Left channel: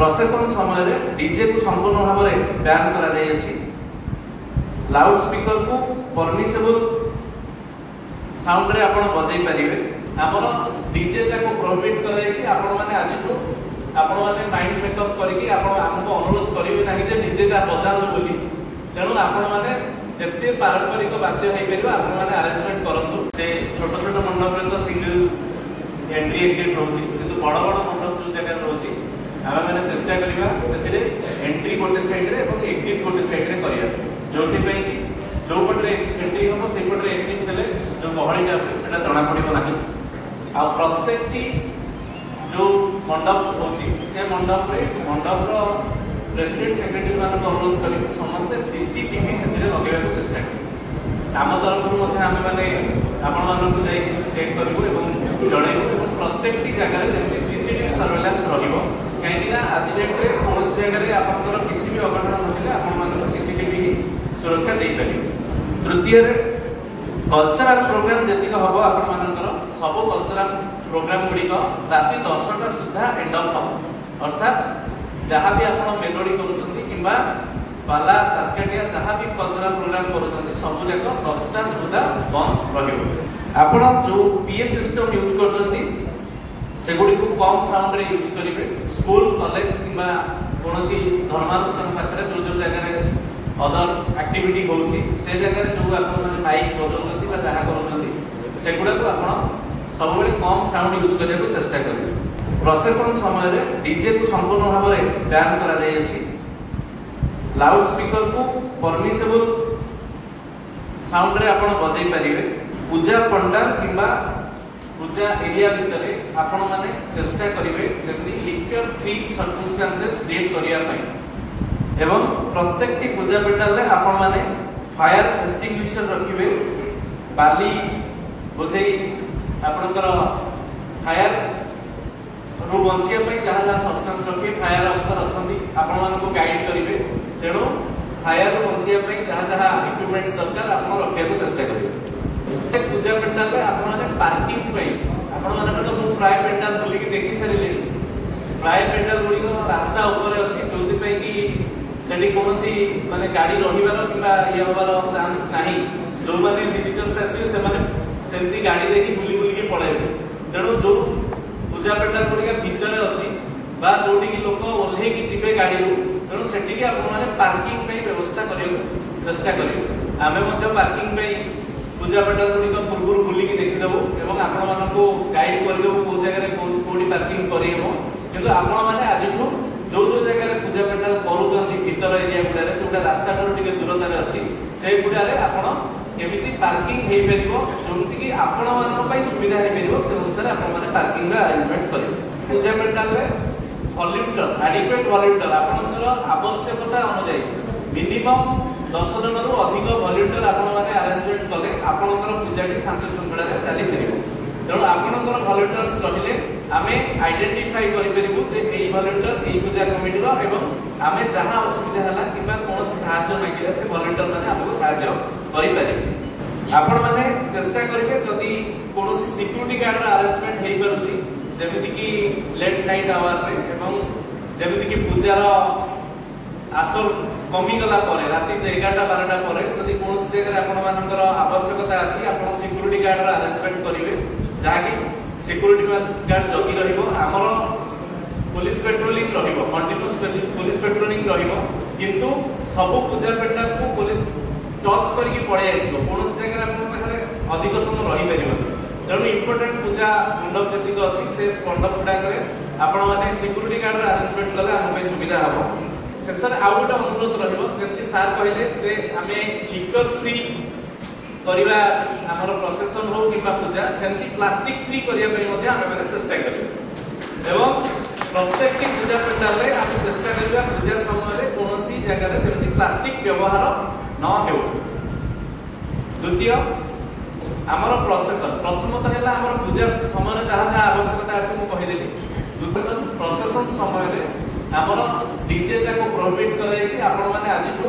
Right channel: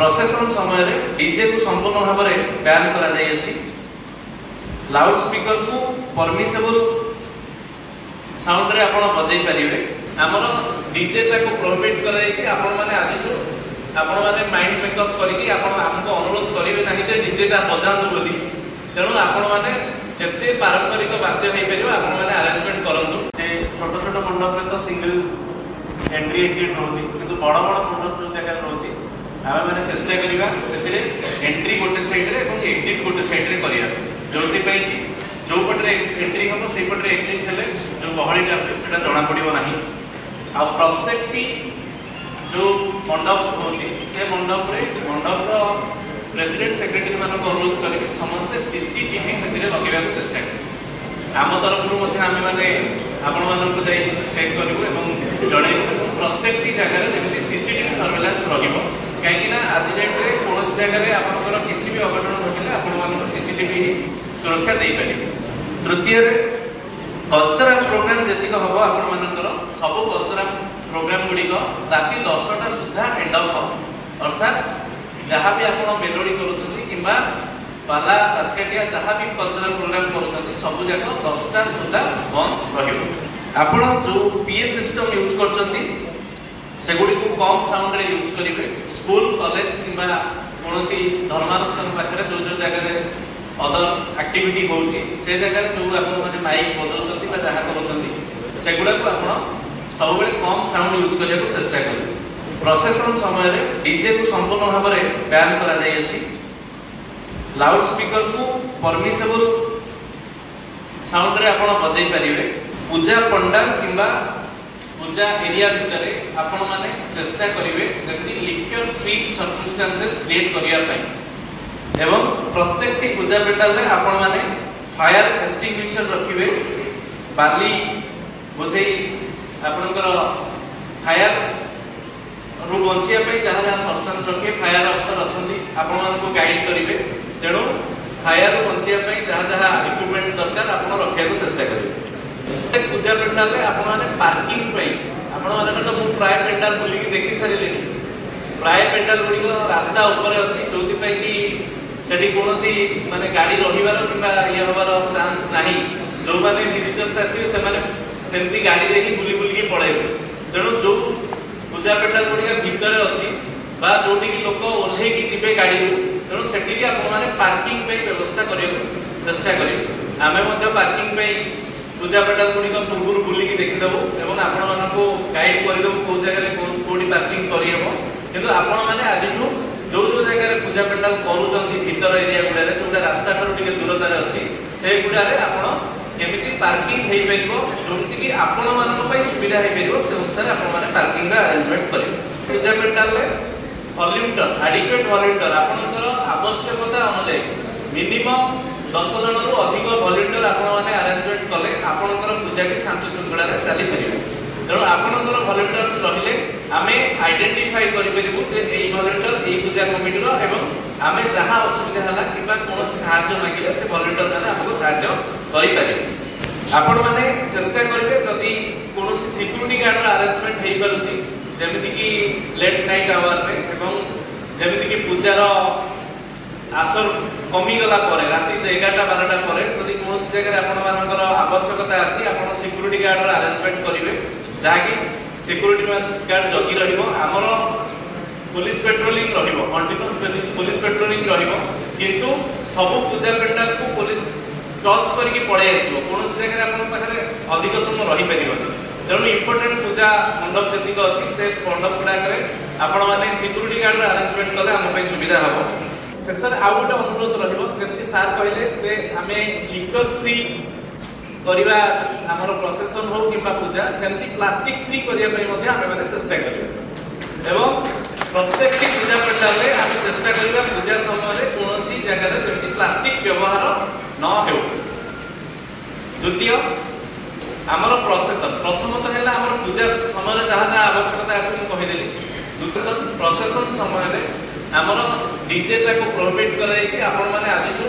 प्रोसेसन समय डीजे को संपूर्ण भाव में बैन कर लाउड स्पीकर को परमिसेबल साउंड रे आपण बजाई परिबे। हमर डीजे को प्रोहिबिट कराई आपण माने आज आपण माने माइंड मेकअप करिकि आपण हमको अनुरोध करिवे नाही जे डीजे ता बजांतु बोली। तेणु आपण माने जते पारंपरिक वाद्य होई परिबा आपण माने अरेंजमेंट करंतु। से छोट छोट मंडप रे तो सिंगल एंट्री एग्जिट होची, किंतु बड़ बड़ मंडप जो जगह होची हम माने चेष्टा करिबा सेतिरे एंट्री गोटे साइड रे एवं एग्जिट गोटे साइड रे करिया, जोथि पई कि जो पटरे एंट्री हो से पटरे एग्जिट हेले जो गहळीटा सेटा जणा पड़िबो नाही। आ प्रत्येक टी जो मंडप होची से मंडप रे मंडप रो प्रेसिडेंट सेक्रेटरी मान को अनुरोध करी समस्त सीसीटीवी सेतिरे लगेबा को चेष्टा करी। आम तरफ मध्ये आमे माने आपण मान को जाई चेक करिबो एवं जणैबो प्रत्येक टी जगह रे जेमिति सीसीटीवी सर्वेलेंस रहिबो, काहेकि ना आज डेट रे कोनोस जगह रे आपनकर किछि भी अघटन घटिले आपण मान सीसीटीवी सुरक्षा दे पारिबे। तृतीय रे कल्चरल प्रोग्राम जतिक हबो आपण मानकर सब कल्चरल प्रोग्राम गुडी को राति 10टा सुद्धा एंड ऑफ हो, अर्थात जहां भी आपण मेलोडी करूछंती किबा पाला तास्केटिया जहां भी कल्चरल प्रोग्राम करूछंती सब जगह 10टा सुद्धा बंद रहिबो। आपण जो पीए सिस्टम यूज करछंती सेगुडी को कम साउंड रे यूज करिवे। स्कूल कॉलेज किबा कोनोसी धर्मानुष्ठान पाखरे जो जो जगह रे अदर एक्टिविटी होउची से जगह रे जो आपण माने माइक बजाउछंती बा जहा करूछंती सेगुडा को आपण सब बेले कम साउंड यूज करिया को चेष्टा करिवे। प्रोसेसन समय रे डीजे को संपूर्ण भाव में बैन करा जाय अछि। लाउड स्पीकर को परमिसेबल साउंड रे आपण बजाई परिवे। पूजा पंडाल किबा पूजा एरिया भितरे आपण माने चेष्टा करिवे जेंति लिक्विड फ्री सर्कमस्टेंसेस क्रिएट करिया पई एवं प्रत्येक टी पूजा पेटाल रे आपण माने फायर एक्सटिंग्विशर रखिवे। बाली बुझे आपनकर फायर रु बंचिया पई जहां जहां सब्सटेंस रखिए फायर अफसर अछंती आपण मान को गाइड करिवे। तेणु फायर रु बंचिया पई जहां जहां इक्विपमेंट्स दरकार आपण रखिया को चेष्टा करिवे। पूजा पेटाल रे आपण माने पार्किंग पई आपण माने तो मु प्राय पेंडाल बुली की देखि सरिलेनी। प्राय पेंडाल गुडी को रास्ता ऊपर अछि जोति पई कि सेठी कोनोसी माने गाड़ी रहिबार किबा ये होबार चांस नाही। जो माने विजिटर्स आसी से माने सेंती गाड़ी देखि बुली बुली के पळाइबे। तेणु जो पूजा पेंडाल गुडी भीतर अछि बा जोटी की लोक ओल्हे की जिबे गाड़ी रु तेणु सेठी के आपण माने पार्किंग पे व्यवस्था करियो चेष्टा करियो। आमे मध्ये पार्किंग पे पूजा पेंडाल गुडी को पूर्व बुली की देखि दबो एवं आपण मान को गाइड करि दबो को जगह रे कोडी पार्किंग करियो। किंतु आपण माने आज जो जो जगह रे पूजा पेंडाल करूचंती भीतर एरिया गुडा रे जोटा रास्ता ठारू टिके दूरता रे अछि से गुडा रे आपण केमिति पार्किंग हेई परिबो जोंति कि आपण मान पई सुविधा हेई परिबो से अनुसार आपण माने पार्किंग रे अरेंजमेंट करियो। पूजा पेंडाल रे वॉल्यूमटर एडिक्वेट वॉल्यूमटर आपनकर आवश्यकता अनुसार मिनिमम 10 जन रु अधिक वॉल्यूमटर आपण माने अरेंजमेंट कले आपनकर पूजाटी शांत शृंखला रे चली परिबो। तेणु आपनकर वॉल्यूमटर्स रहिले आमे आइडेंटिफाई करि परिबो जे एई वॉल्यूमटर एई पूजा कमिटी रो एवं आमे जहां असुविधा हला किबा कोनोसी सहायता मागिले से वॉल्यूमटर माने आपको सहायता करि परिबे। आपण माने चेष्टा करिवे जदी कोनोसी सिक्युरिटी गार्ड रो अरेंजमेंट हेई परछि जेमिति कि लेट नाइट आवर रे एवं जेमिति कि पूजा रो आसर कमी गला परे राति 11टा 12टा परे जदी कोनोसी जगह रे आपण मानकर आवश्यकता अछि आपण सिक्युरिटी गार्ड रो अरेंजमेंट करिवे जाकी सिक्युरिटी गार्ड जगी रहिबो। हमर पुलिस पेट्रोलिंग रहिबो कंटीन्यूअस पुलिस पेट्रोलिंग रहिबो किंतु सब पूजा पेंडाल को पुलिस टच करके पळे आसीबो कोनोसी जगह रे आपण पाखरे अधिक समय रहि परिबो। तेणु इंपोर्टेंट पूजा मंडप जतिक अछि से मंडप गुडाकरे आपण माने सिक्युरिटी गार्ड रो अरेंजमेंट कले हम पे सुविधा हबो। सेसर आउट अनुरोध रहिबो जेंति सार कहले जे हमें लिक्विड फ्री करिबा हमर प्रोसेसन हो किबा पूजा सेंति प्लास्टिक फ्री करिया पई मध्ये हम माने चेष्टा करियो एवं प्रत्येक पूजा पेंडाल रे हम चेष्टा करिबा पूजा समय रे कोनोसी जगह रे जेंति प्लास्टिक व्यवहार न हेउ। द्वितीय हमर प्रोसेसन प्रथमतः हैला हमर पूजा समय रे जहा जहा आवश्यकता अछि म कहि देली। द्वितीय प्रोसेसन समय रे हमर डीजे को प्रोहिबिट कराई छी आपण माने आज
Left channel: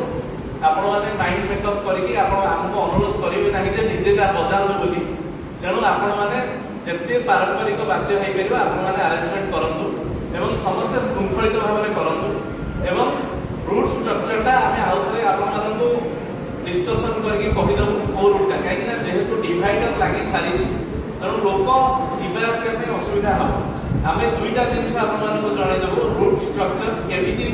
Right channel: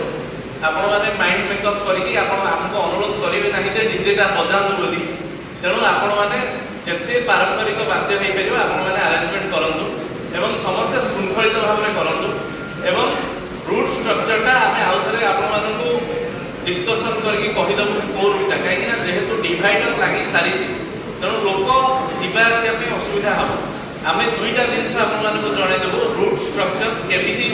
आपण माने माइंड मेकअप करिकि आपण हमको अनुरोध करिवे नाही जे डीजे ता बजांतु बोली। तेणु आपण माने जते पारंपरिक वाद्य हेई परिबा आपण माने अरेंजमेंट करंतु एवं समस्त शृंखलित भाव में डिवाइडर लगी सारी तेणु लोक जीवा आसपा असुविधा हम आम दुईटा जिन आपको जनईदेव रूट स्ट्रक्चर केमी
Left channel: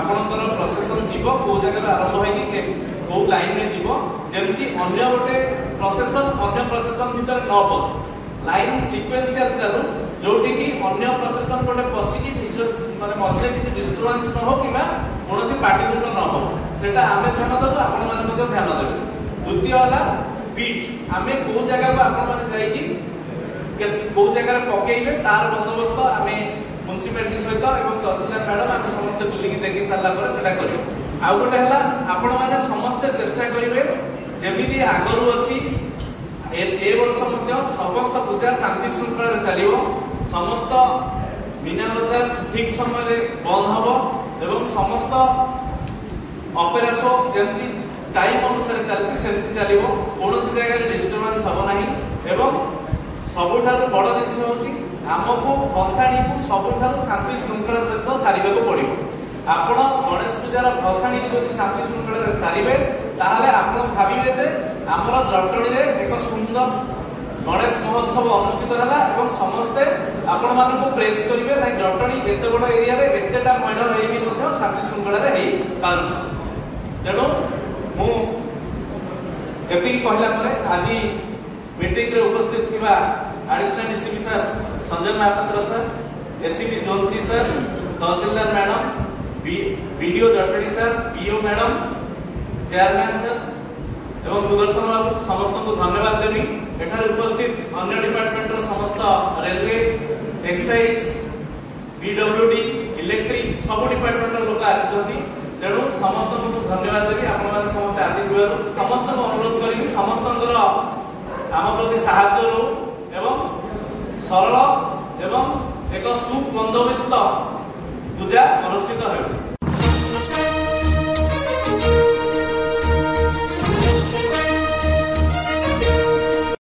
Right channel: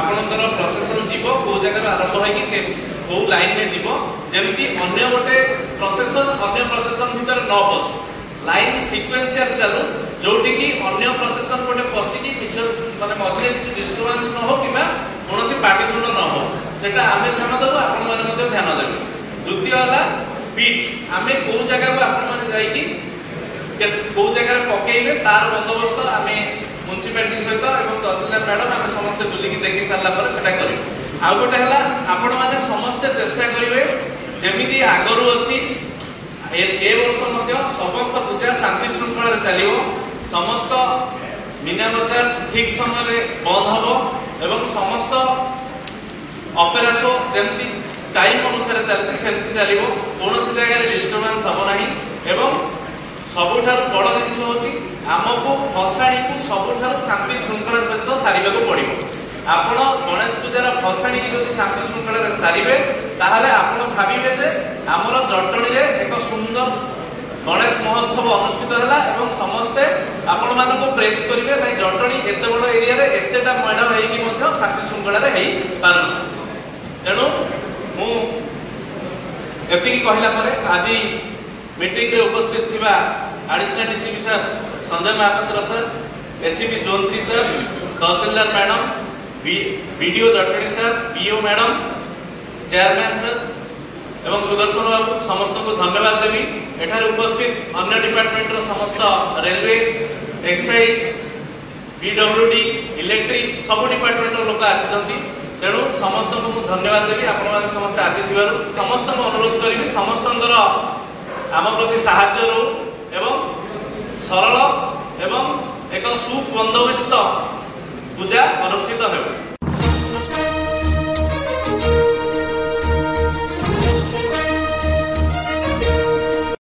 आपणकर प्रोसेसन जीव कौ जगह आरंभ होगी कौ लाइन में जीव जमी अन्य गोटे प्रोसेसन अन्य प्रोसेसन भीतर न पशु लाइन सिक्वेन्शियल चलू जोटी की अन्य प्रोसेसन गोटे पशिकी माने मझे किसी डिस्टर्बेंस न हो कि कौन पाटितुंड न हो सेटा आम ध्यान देव आपण मैंने ध्यान देवे। द्वितीय है बीट आम कौ जगह आपण मैंने कौ जगह पकईबे तार बंदोबस्त आम म्युनिसिपालिटी सहित तहसीलदार मैडम आम समस्त बुलिकी देखी सारापर से करें। आउ गोटे है आपण मैंने समस्ते चेष्टा करेंगे जमी आगरू अच्छी ए वर्ष समस्त पूजा शांति श्रृंखला चलो समस्त मीना बजार ठीक समय बंद हम एवं समस्त ऑपेरा शो जमी टाइम अनुसार चलती चलो कौन जगह डिस्टर्बेंस हम ना एवं सबुठार बड़ जिन हूँ आमको भसाणी को सबुठार शांति श्रृंखला सहित सारे पड़ो। आपण गणेश पूजार भसाणी की जब शांति श्रृंखला सारे ताहले आपण भाविबे जे आमर जटणी रे एक सुंदर गणेश महोत्सव अनुष्ठित है एवं समस्ते आपण मानको प्रेज करिवे नै जटणी एते बड़ एरिया रे एतेटा मेढ हेई कि शांति श्रृंखला रे हेई पारुस। तेणु मु एतिकी कहला परे आज मीटिंग रे उपस्थित थिबा additional DCP sir Sanjay Mahapatra sir, ACP zone 3 sir, tehsildar madam, BDO Jatni sir, PO madam, chairman sir एवं सुदर्शन बाबू समस्त को धन्यवाद देवी। एठार उपस्थित अन्य डिपार्टमेंट समस्त रेलवे, एक्साइज, पीडब्ल्यूडी, इलेक्ट्रिक सब डिपार्टमेंट लोक आसी तेणु समस्त को धन्यवाद देवी। आपण समस्त आसी समस्त अनुरोध करी समस्त आम प्रति साहाय्य रो एवं सरल एवं एक सुबंदोबस्त पूजा अनुष्ठित हो।